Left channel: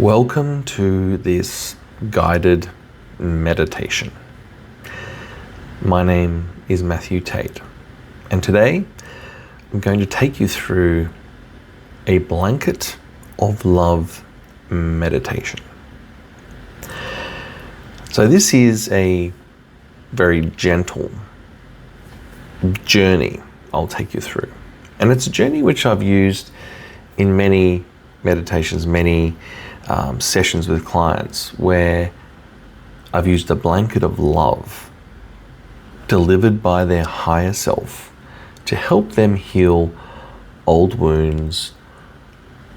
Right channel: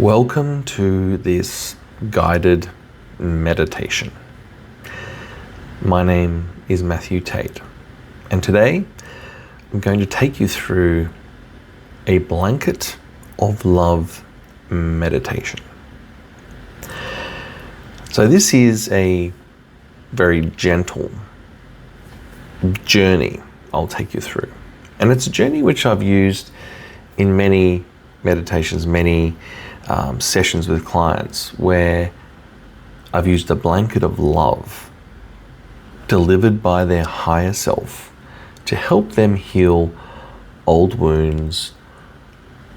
Welcome to this guided meditation. My name is Matthew Tait, and today I'm going to take you through a blanket of love meditation. So this is a very gentle journey I'll take you through. And it's a journey which I've used in many meditations, many sessions with clients where I've used a blanket of love delivered by their higher self to help them heal old wounds,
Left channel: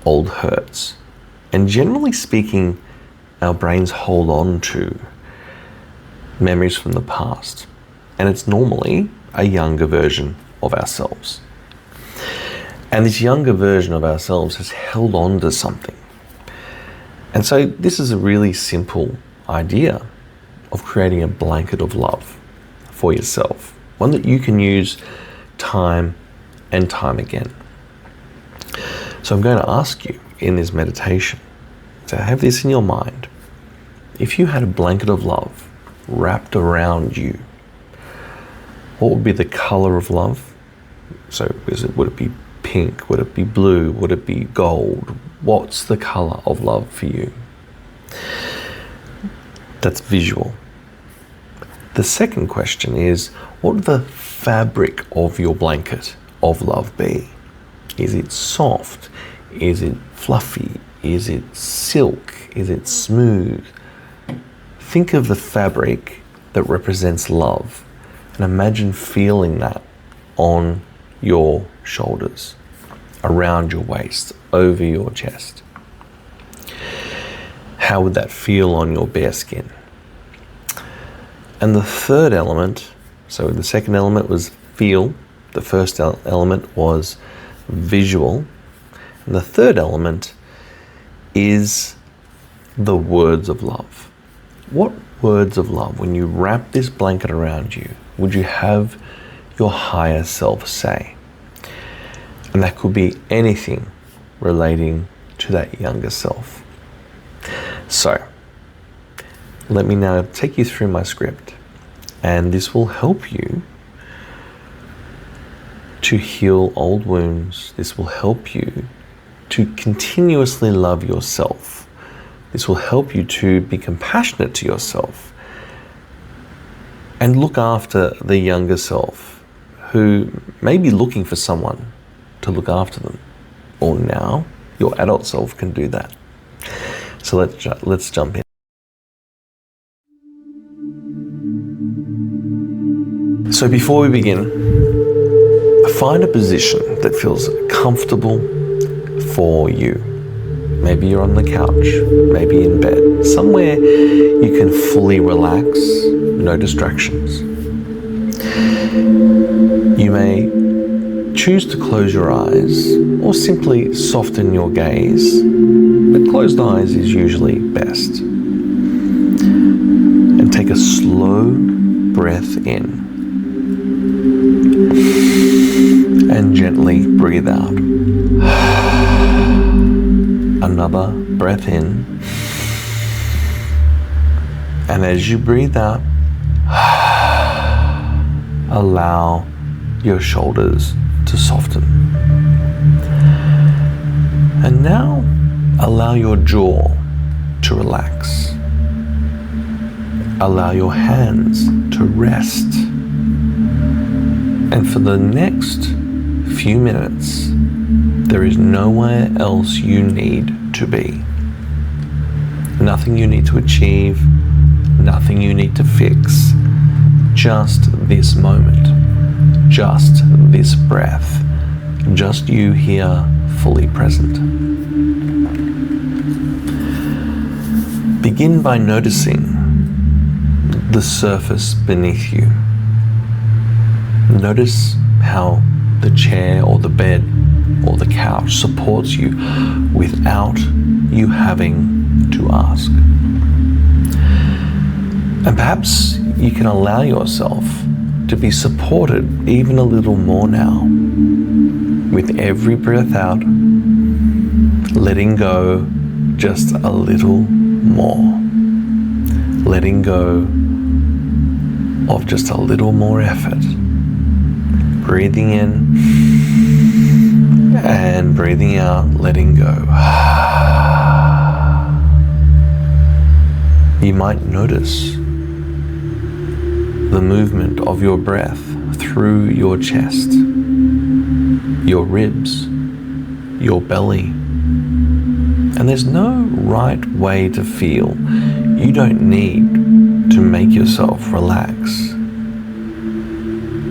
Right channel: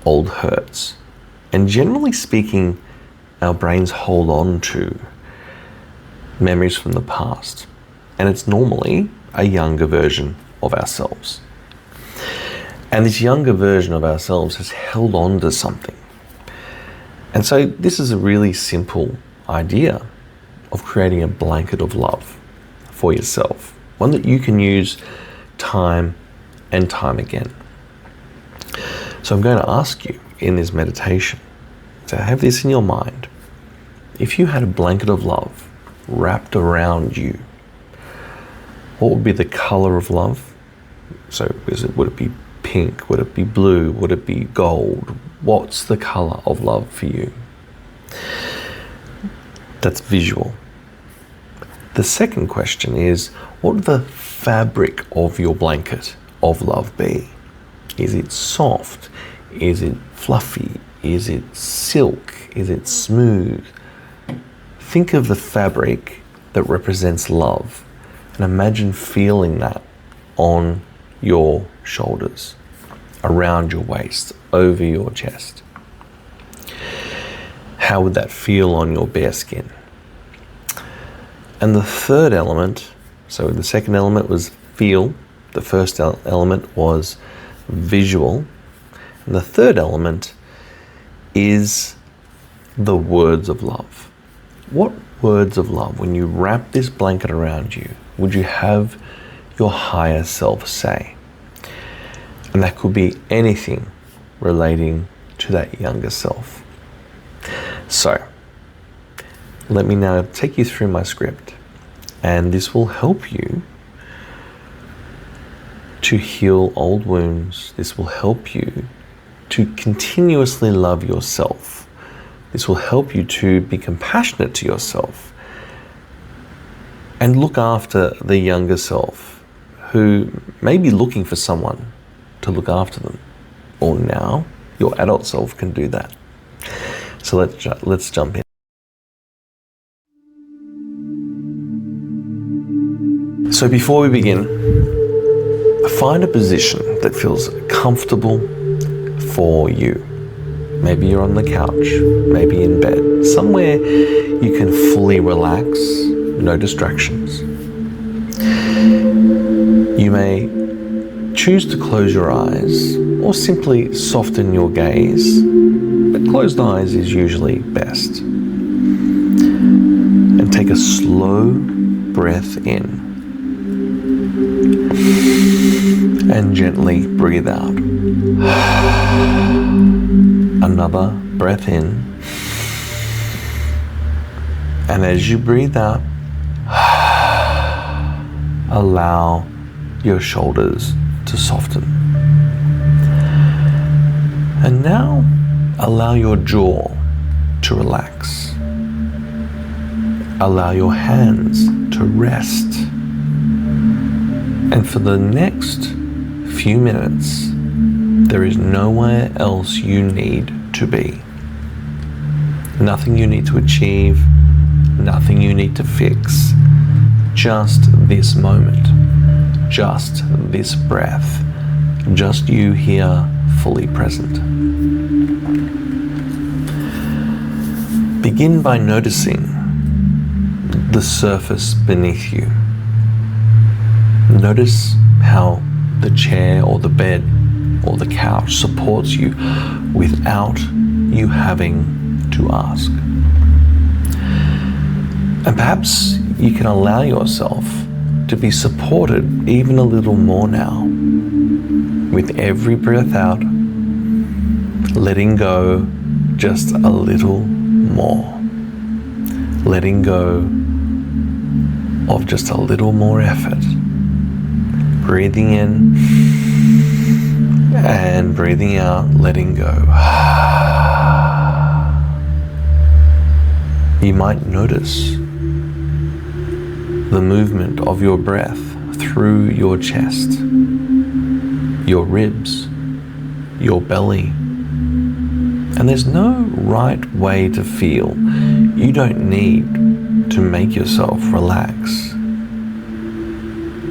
old hurts. And generally speaking, our brains hold on to memories from the past. And it's normally a younger version of ourselves. And this younger version of ourselves has held on to something. And so this is a really simple idea of creating a blanket of love for yourself, one that you can use time and time again. So I'm going to ask you in this meditation to have this in your mind. If you had a blanket of love wrapped around you, what would be the color of love? So would it be pink? Would it be blue? Would it be gold? What's the color of love for you? That's visual. The second question is, what would the fabric of your blanket of love be? Is it soft? Is it fluffy? Is it silk? Is it smooth? Think of the fabric that represents love and imagine feeling that on your shoulders, around your waist, over your chest. How would that feel on your bare skin? And the third element, so the second element was feel, the first element was visual, and the third element is the words of love. What words of love, when you wrap this blanket around you, would you have your higher self say? And that could be anything relating to that younger self. So, let me now take you through my script, and this will help you to heal old wounds. This will help you to continuously love yourself. This will help you to be compassionate to yourself and look after the younger self who may be looking for someone to look after them. Or now, your adult self can do that. So let's jump in. So before we begin, find a position that feels comfortable for you. Maybe you're on the couch, maybe in bed, somewhere you can fully relax, no distractions. You may choose to close your eyes or simply soften your gaze, but closed eyes is usually best. And take a slow breath in and gently breathe out. Another breath in, and as you breathe out, allow your shoulders to soften. And now allow your jaw to relax. Allow your hands to rest. And for the next few minutes, there is nowhere else you need to be. Nothing you need to achieve, nothing you need to fix. Just this moment, just this breath, just you here, fully present. Begin by noticing the surface beneath you. Notice how the chair or the bed or the couch supports you without you having to ask. And perhaps you can allow yourself to be supported even a little more now. With every breath out, letting go just a little more. Letting go of just a little more effort. Breathing in and breathing out, letting go. You might notice the movement of your breath through your chest, your ribs, your belly. And there's no right way to feel. You don't need to make yourself relax,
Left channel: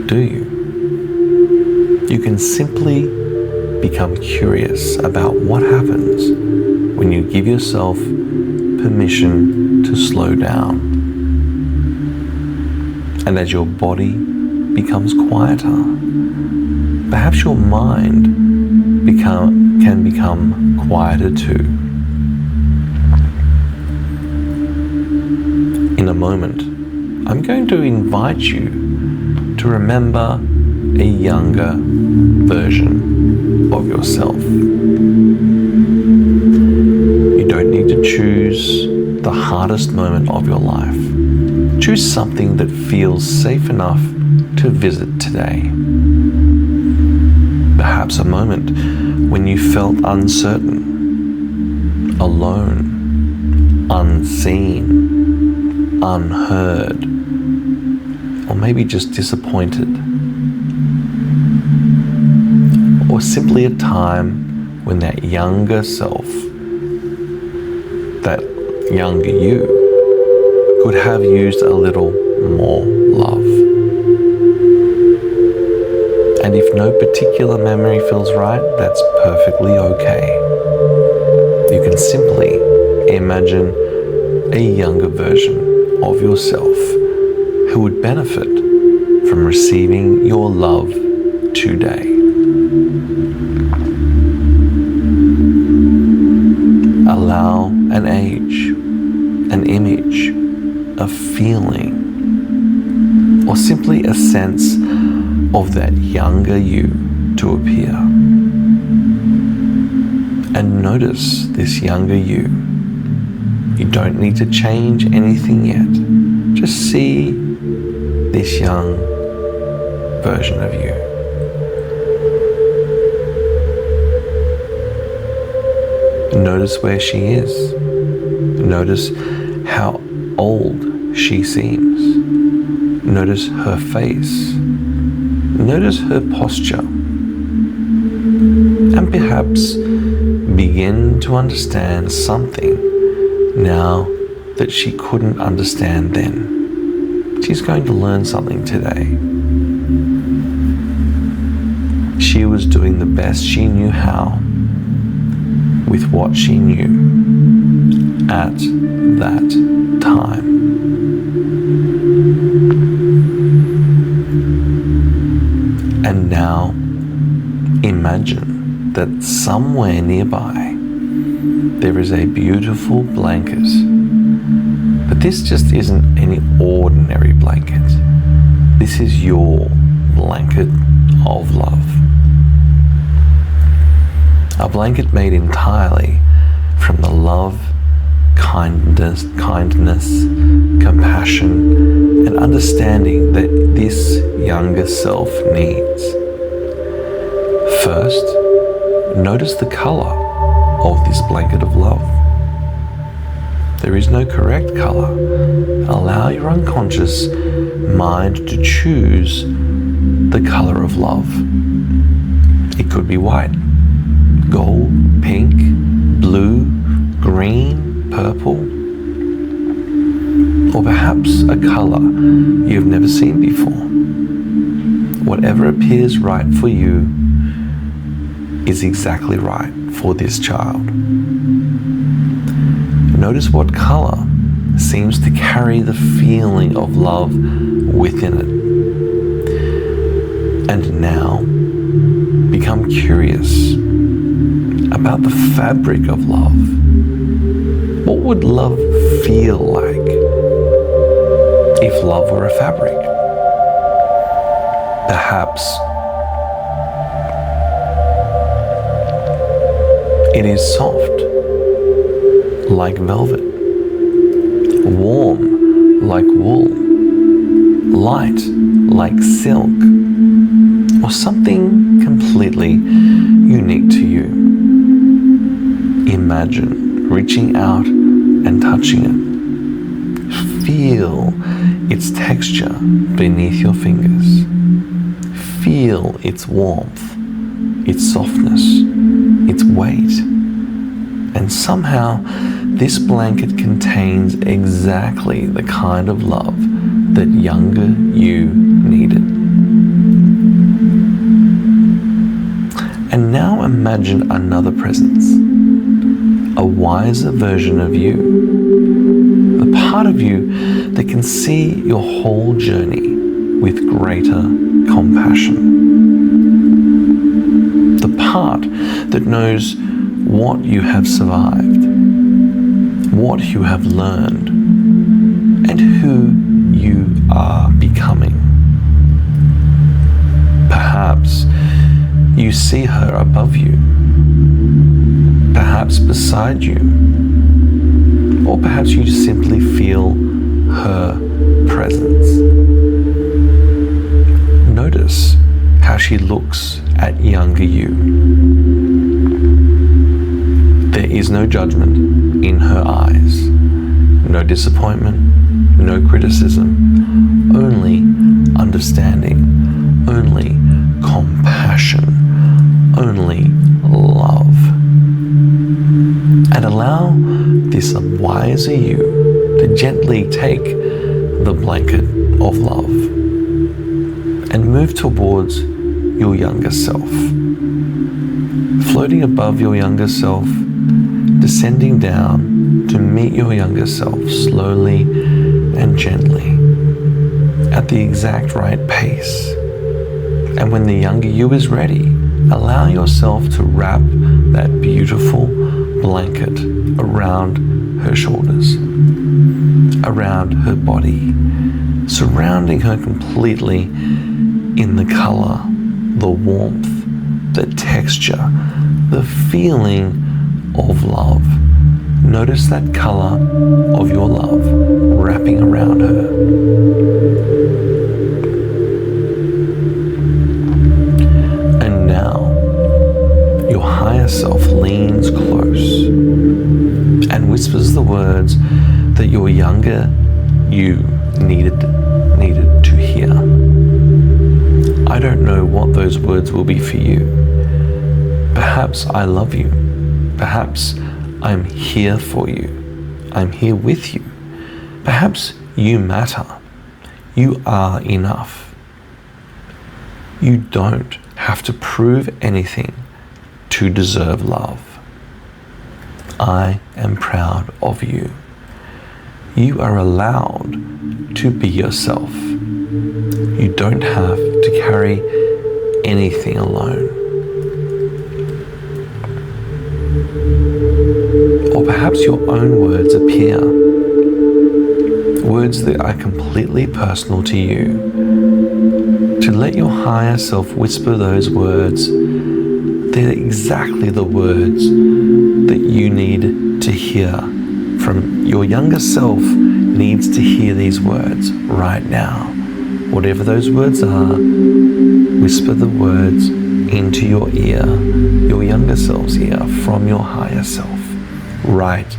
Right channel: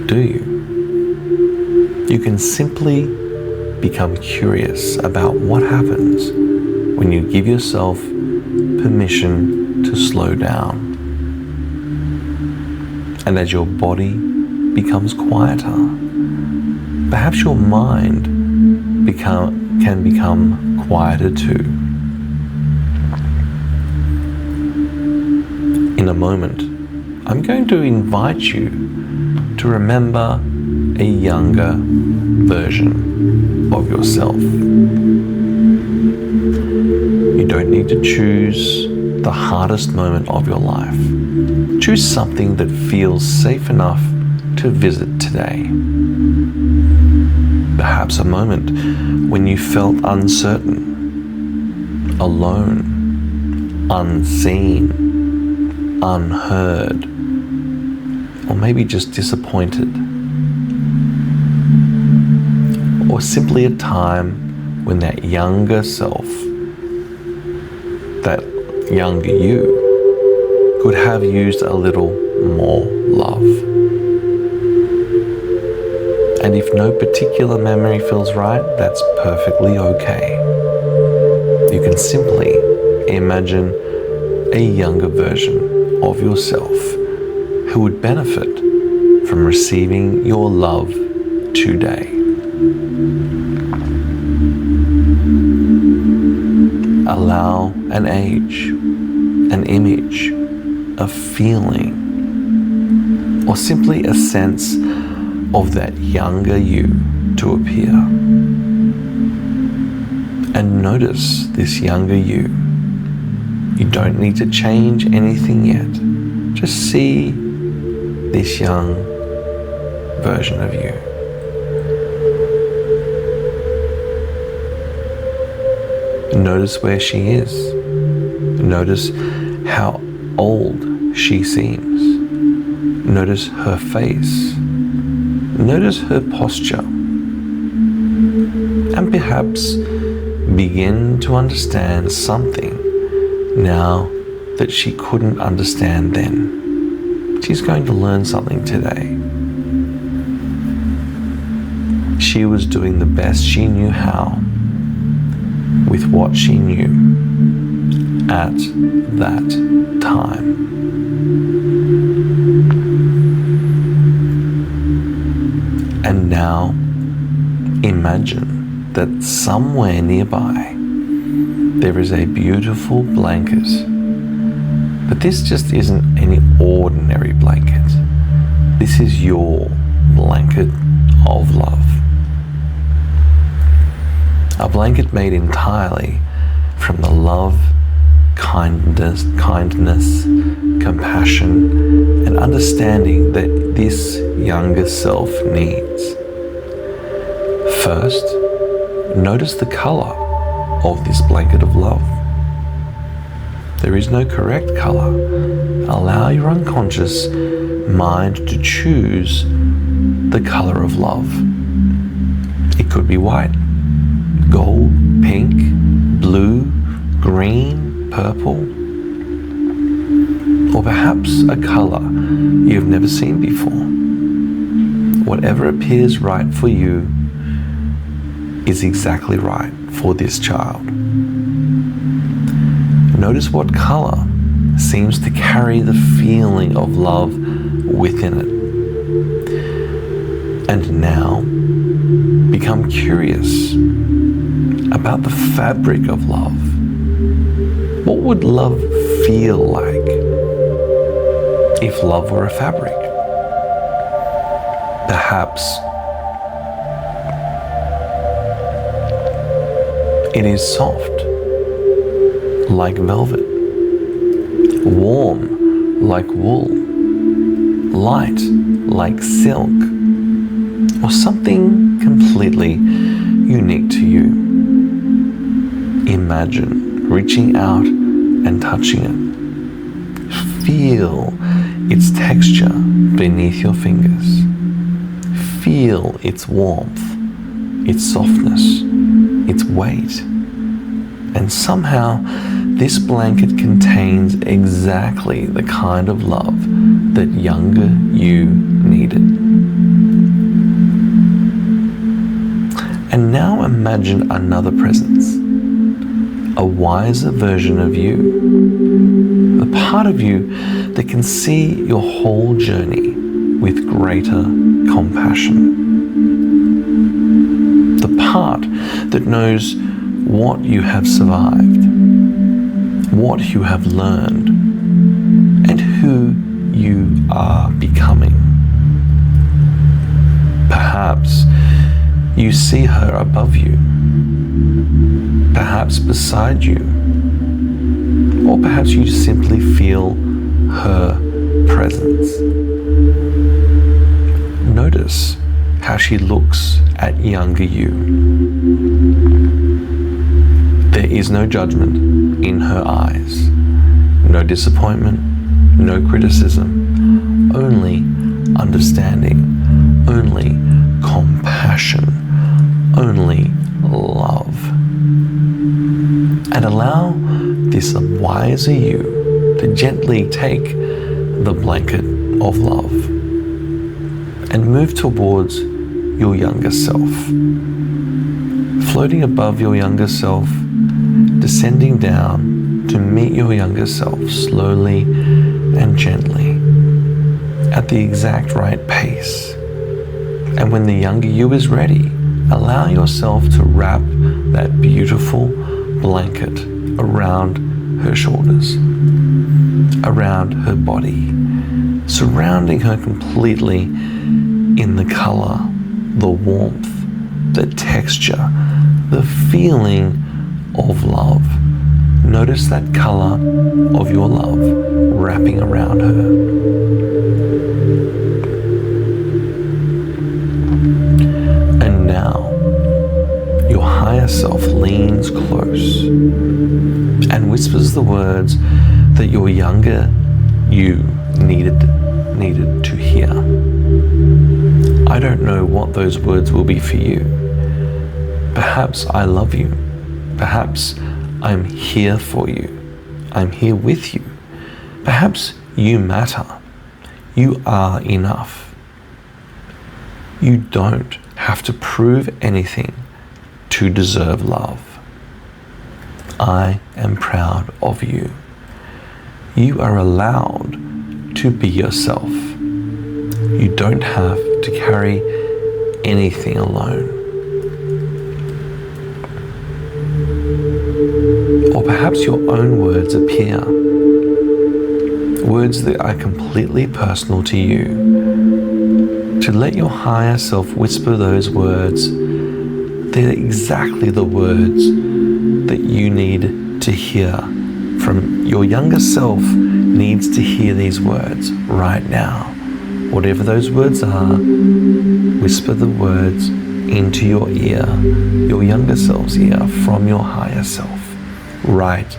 do you? You can simply become curious about what happens when you give yourself permission to slow down. And as your body becomes quieter, perhaps your mind can become quieter too. In a moment, I'm going to invite you to remember a younger version of yourself. You don't need to choose the hardest moment of your life. Choose something that feels safe enough to visit today. Perhaps a moment when you felt uncertain, alone, unseen, unheard, or maybe just disappointed. Or simply a time when that younger self, that younger you, could have used a little more love. And if no particular memory feels right, that's perfectly okay. You can simply imagine a younger version of yourself who would benefit from receiving your love today. Allow an age, an image, a feeling, or simply a sense of that younger you to appear. And notice this younger you. You don't need to change anything yet. Just see this young version of you. Notice where she is. Notice how old she seems. Notice her face. Notice her posture. And perhaps begin to understand something now that she couldn't understand then. She's going to learn something today. She was doing the best she knew how with what she knew at that time. And now imagine that somewhere nearby there is a beautiful blanket. But this just isn't any ordinary blanket. This is your blanket of love. A blanket made entirely from the love, kindness, compassion, and understanding that this younger self needs. First, notice the color of this blanket of love. There is no correct color. Allow your unconscious mind to choose the color of love. It could be white, gold, pink, blue, green, purple, or perhaps a color you've never seen before. Whatever appears right for you is exactly right for this child. Notice what color seems to carry the feeling of love within it. And now become curious about the fabric of love. What would love feel like if love were a fabric? Perhaps it is soft, like velvet, warm like wool, light like silk, or something completely unique to you. Imagine reaching out and touching it. Feel its texture beneath your fingers. Feel its warmth, its softness, its weight. And somehow, this blanket contains exactly the kind of love that younger you needed. And now imagine another presence, a wiser version of you, the part of you that can see your whole journey with greater compassion. The part that knows what you have survived, what you have learned, and who you are becoming. Perhaps you see her above you, perhaps beside you, or perhaps you just simply feel her presence. Notice how she looks at younger you. There is no judgment in her eyes, no disappointment, no criticism, only understanding, only compassion, only love. And allow this wiser you to gently take the blanket of love and move towards your younger self. Floating above your younger self, descending down to meet your younger self slowly and gently at the exact right pace. And when the younger you is ready, allow yourself to wrap that beautiful blanket around her shoulders, around her body, surrounding her completely in the color, the warmth, the texture, the feeling of love. Notice that color of your love wrapping around her. And now, your higher self leans close and whispers the words that your younger you needed to hear. I don't know what those words will be for you. Perhaps I love you. Perhaps I'm here for you. I'm here with you. Perhaps you matter. You are enough. You don't have to prove anything to deserve love. I am proud of you. You are allowed to be yourself. You don't have to carry anything alone. Or perhaps your own words appear, words that are completely personal to you. To let your higher self whisper those words, they're exactly the words that you need to hear from your younger self. Needs to hear these words right now. Whatever those words are, whisper the words into your ear, your younger self's ear, from your higher self right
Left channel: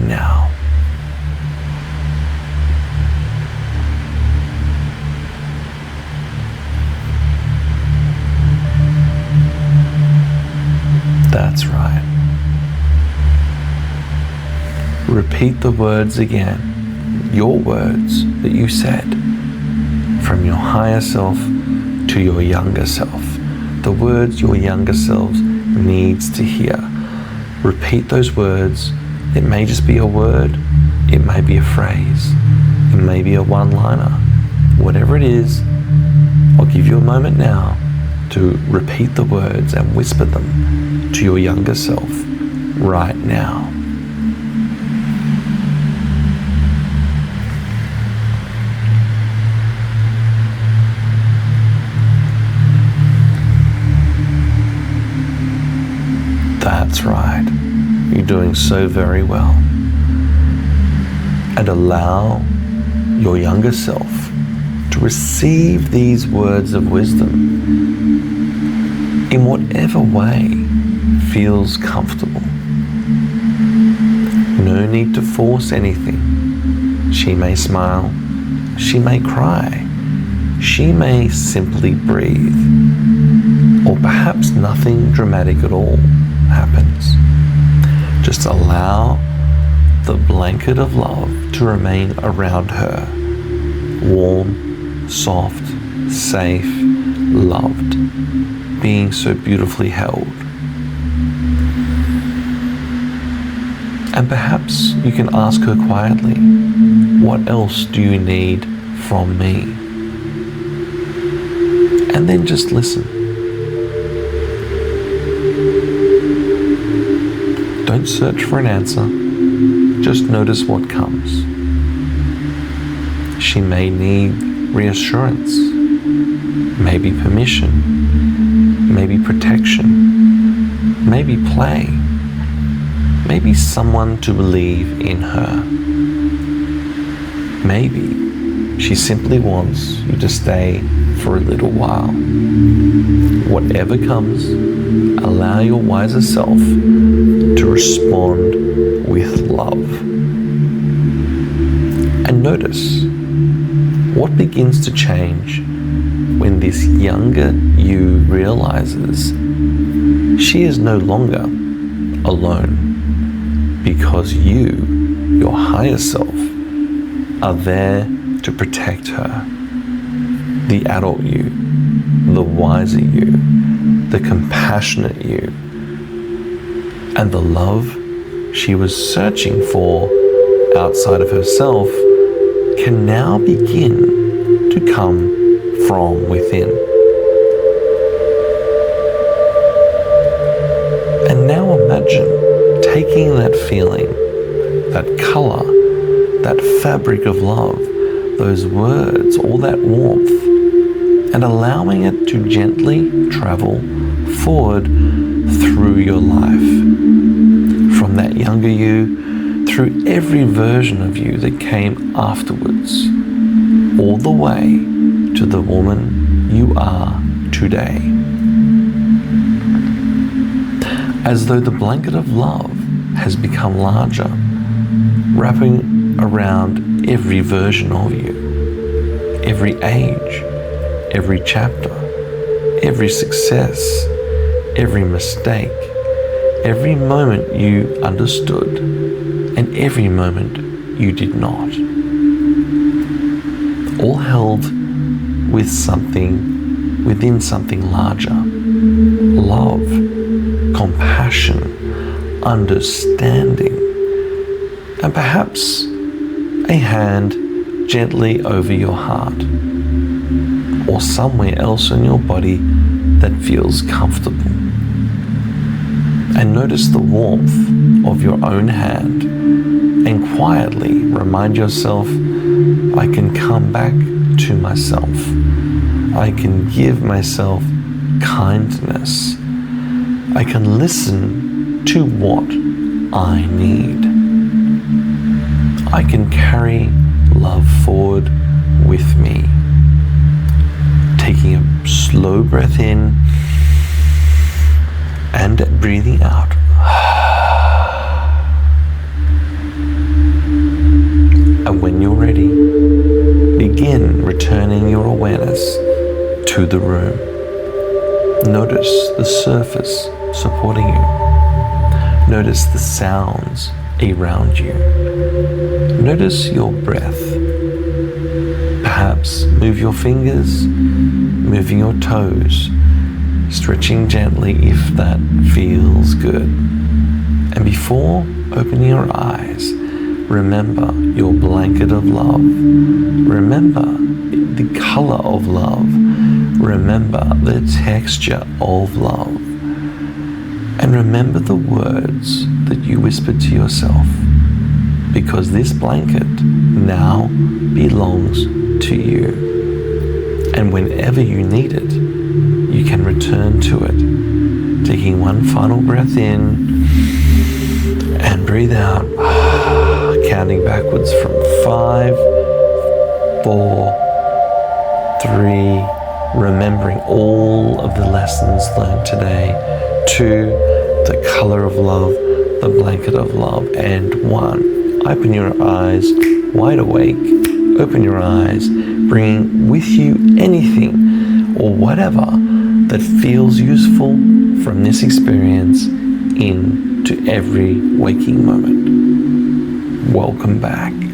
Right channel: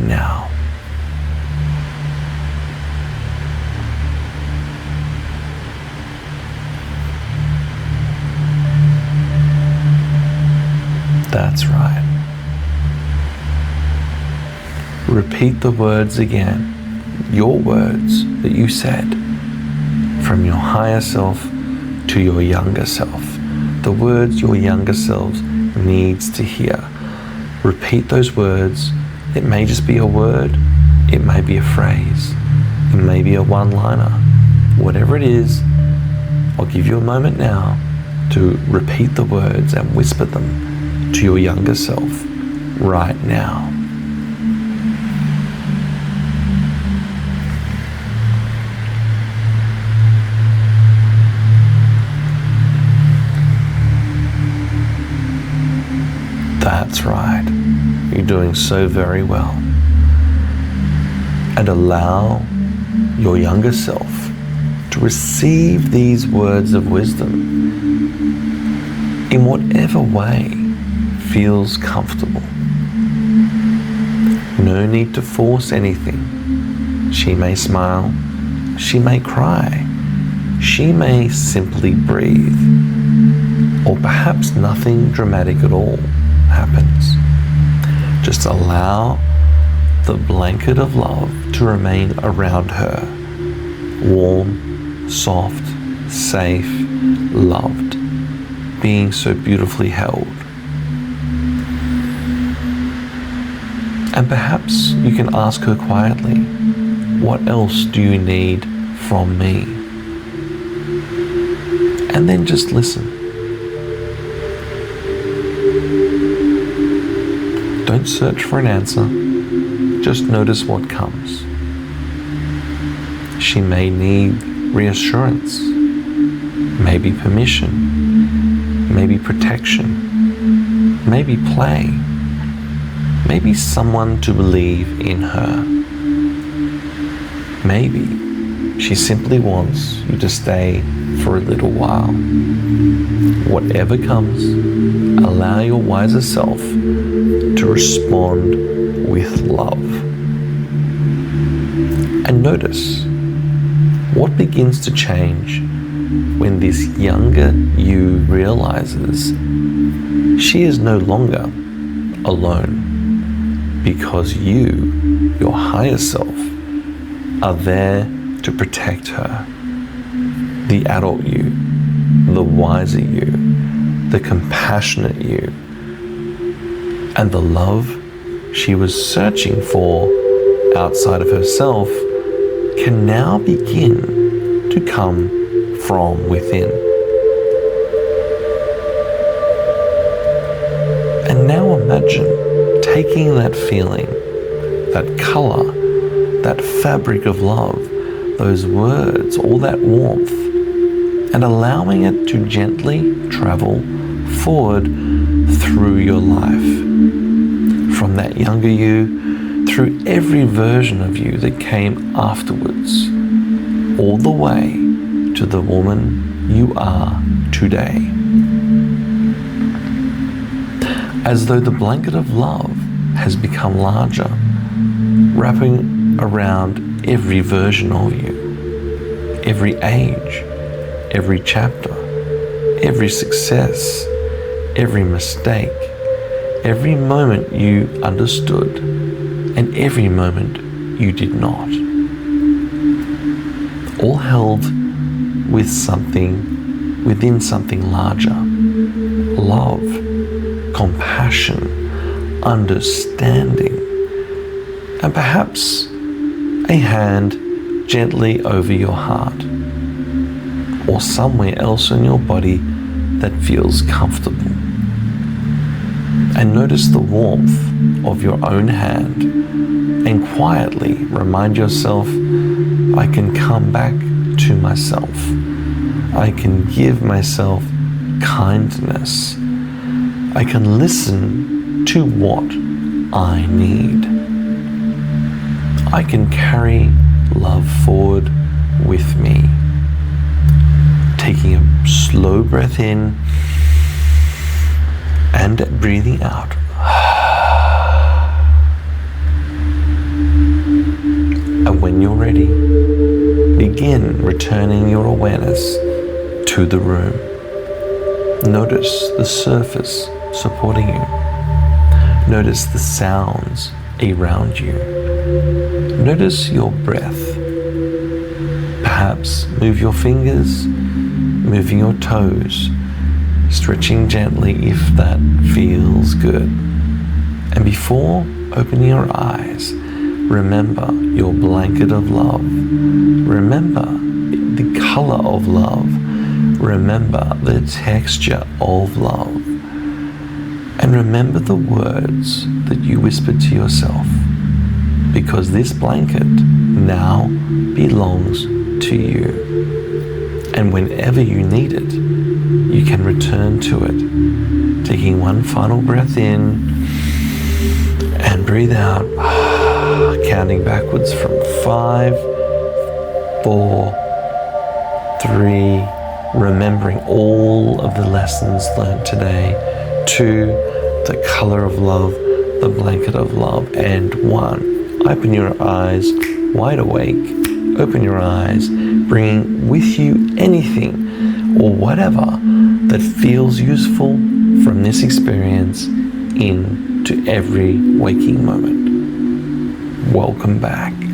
now. That's right. Repeat the words again, your words that you said, from your higher self to your younger self. The words your younger self needs to hear. Repeat those words. It may just be a word. It may be a phrase. It may be a one-liner. Whatever it is, I'll give you a moment now to repeat the words and whisper them to your younger self right now. That's right. You're doing so very well. and allow your younger self to receive these words of wisdom in whatever way feels comfortable. No need to force anything. She may smile, she may cry, she may simply breathe, or perhaps nothing dramatic at all happens. Just allow the blanket of love to remain around her, warm, soft, safe, loved, being so beautifully held. And perhaps you can ask her quietly, what else do you need from me? And then just listen. Don't search for an answer, just notice what comes. She may need reassurance, maybe permission, maybe protection, maybe play, maybe someone to believe in her. Maybe she simply wants you to stay for a little while. Whatever comes, allow your wiser self to respond with love. And notice what begins to change when this younger you realizes she is no longer alone, because you, your higher self, are there to protect her. The adult you, the wiser you, the compassionate you, and the love she was searching for outside of herself can now begin to come from within. And now imagine taking that feeling, that color, that fabric of love, those words, all that warmth, and allowing it to gently travel forward through your life. From that younger you, through every version of you that came afterwards, all the way to the woman you are today. As though the blanket of love has become larger, wrapping around every version of you, every age, every chapter, every success, every mistake, every moment you understood, and every moment you did not. All held with something, within something larger. Love, compassion, understanding, and perhaps a hand gently over your heart, or somewhere else in your body that feels comfortable. And notice the warmth of your own hand, and quietly remind yourself, I can come back to myself. I can give myself kindness. I can listen to what I need. I can carry love forward with me. Taking a slow breath in and breathing out. And when you're ready, begin returning your awareness to the room. Notice the surface supporting you. Notice the sounds around you. Notice your breath. Perhaps move your fingers, moving your toes, stretching gently if that feels good. And before opening your eyes, remember your blanket of love. Remember the color of love. Remember the texture of love. And remember the words that you whispered to yourself, because this blanket now belongs to you. And whenever you need it, you can return to it, taking one final breath in and breathe out. counting backwards from 5, 4, 3, remembering all of the lessons learned today, 2, the color of love, the blanket of love, and 1. Open your eyes, wide awake, open your eyes, bringing with you anything or whatever that feels useful from this experience into every waking moment. Welcome back.